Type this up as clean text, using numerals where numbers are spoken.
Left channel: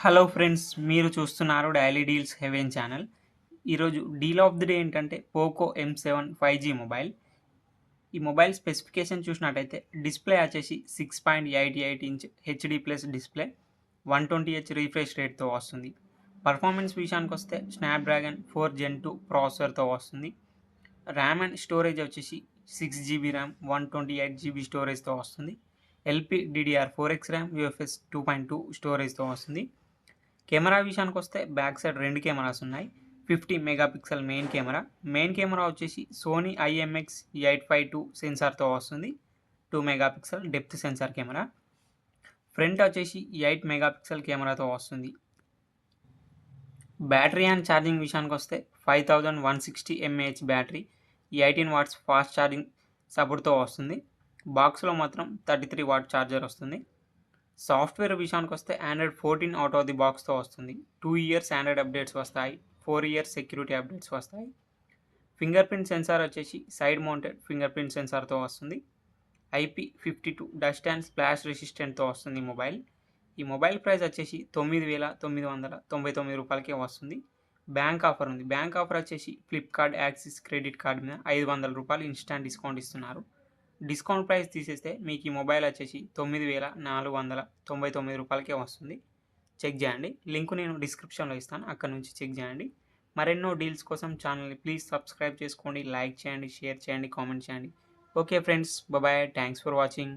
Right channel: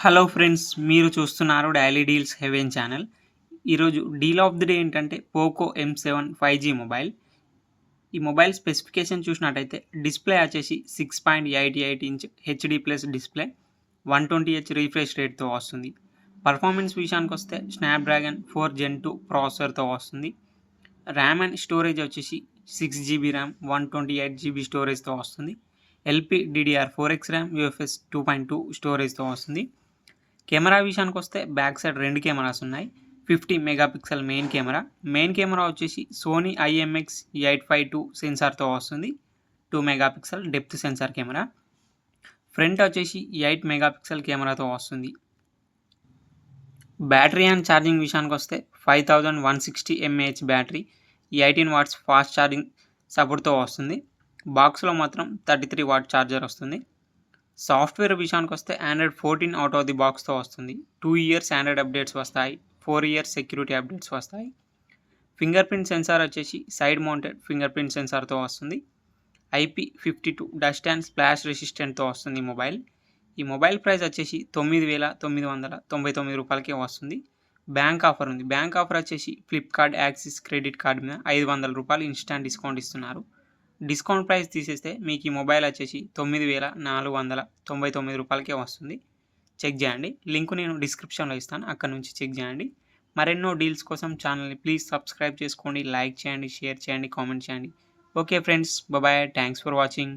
Hello friends, మీరు చూస్తున్నారు daily deals heaven channel. ఈరోజు డీల్ ఆఫ్ ది డే ఏంటంటే పోకో M7 5G మొబైల్. ఈ మొబైల్ స్పెసిఫికేషన్ చూసినట్టయితే డిస్ప్లే వచ్చేసి 6.88 inch HD plus display, 120Hz refresh రేట్తో వస్తుంది. పర్ఫార్మెన్స్ విషయానికి వస్తే స్నాప్డ్రాగన్ 4 Gen 2 ప్రాసెసర్తో వస్తుంది. ర్యామ్ అండ్ స్టోరేజ్ వచ్చేసి 6 GB ర్యామ్, 128 GB స్టోరేజ్తో వస్తుంది. LPDDR4X ర్యామ్, UFS 2.2 స్టోరేజ్తో వస్తుంది. కెమెరా విషయానికి వస్తే బ్యాక్ సైడ్ 2 కెమెరాస్ ఉన్నాయి. 50 మెగాపిక్సెల్ మెయిన్ కెమెరా వచ్చేసి సోనీ IMX852 సెన్సార్తో వస్తుంది. 2 megapixel depth censor camera. Front వచ్చేసి 8 మెగాపిక్సెల్ కెమెరాతో వస్తుంది. బ్యాటరీ అండ్ ఛార్జింగ్ విషయానికి వస్తే 5160 mAh battery, 18 watts fast charging సపోర్ట్తో వస్తుంది. బాక్స్లో మాత్రం 33 వాట్ ఛార్జర్ వస్తుంది. సాఫ్ట్వేర్ విషయానికి వస్తే ఆండ్రాయిడ్ 14 అవుట్ ఆఫ్ ది బాక్స్తో వస్తుంది. 2 ఇయర్స్ ఆండ్రాయిడ్ అప్డేట్స్ వస్తాయి, 4 ఇయర్స్ సెక్యూరిటీ అప్డేట్స్ వస్తాయి. ఫింగర్ ప్రింట్ సెన్సార్ వచ్చేసి సైడ్ మౌంటెడ్ ఫింగర్ ప్రింట్ సెన్సార్తో వస్తుంది. IP52 డస్ట్ అండ్ స్ప్లాష్ రెసిస్టెంట్తో వస్తుంది ఈ మొబైల్ ప్రైస్ వచ్చేసి 9,999 రూపాయలకే వస్తుంది. బ్యాంక్ ఆఫర్ ఉంది. బ్యాంక్ ఆఫర్ వచ్చేసి ఫ్లిప్కార్ట్ యాక్సిస్ క్రెడిట్ కార్డ్ మీద 500 రూపాయలు ఇన్స్టాంట్ డిస్కౌంట్ ఇస్తున్నారు. డిస్కౌంట్ ప్రైస్ తీసేస్తే మీకు ఈ మొబైల్ వచ్చేసి 9,499 రూపాయలకే వస్తుంది. చెక్ చేయండి. లింక్ నేను డిస్క్రిప్షన్లో ఇస్తాను, అక్కడ నుంచి చెక్ చేయండి. మరెన్నో డీల్స్ కోసం ఛానల్ని ప్లీజ్ సబ్స్క్రైబ్ చేసుకోండి, లైక్ చేయండి, షేర్ చేయండి, కామెంట్ చేయండి. Okay friends, bye. Thanks for watching.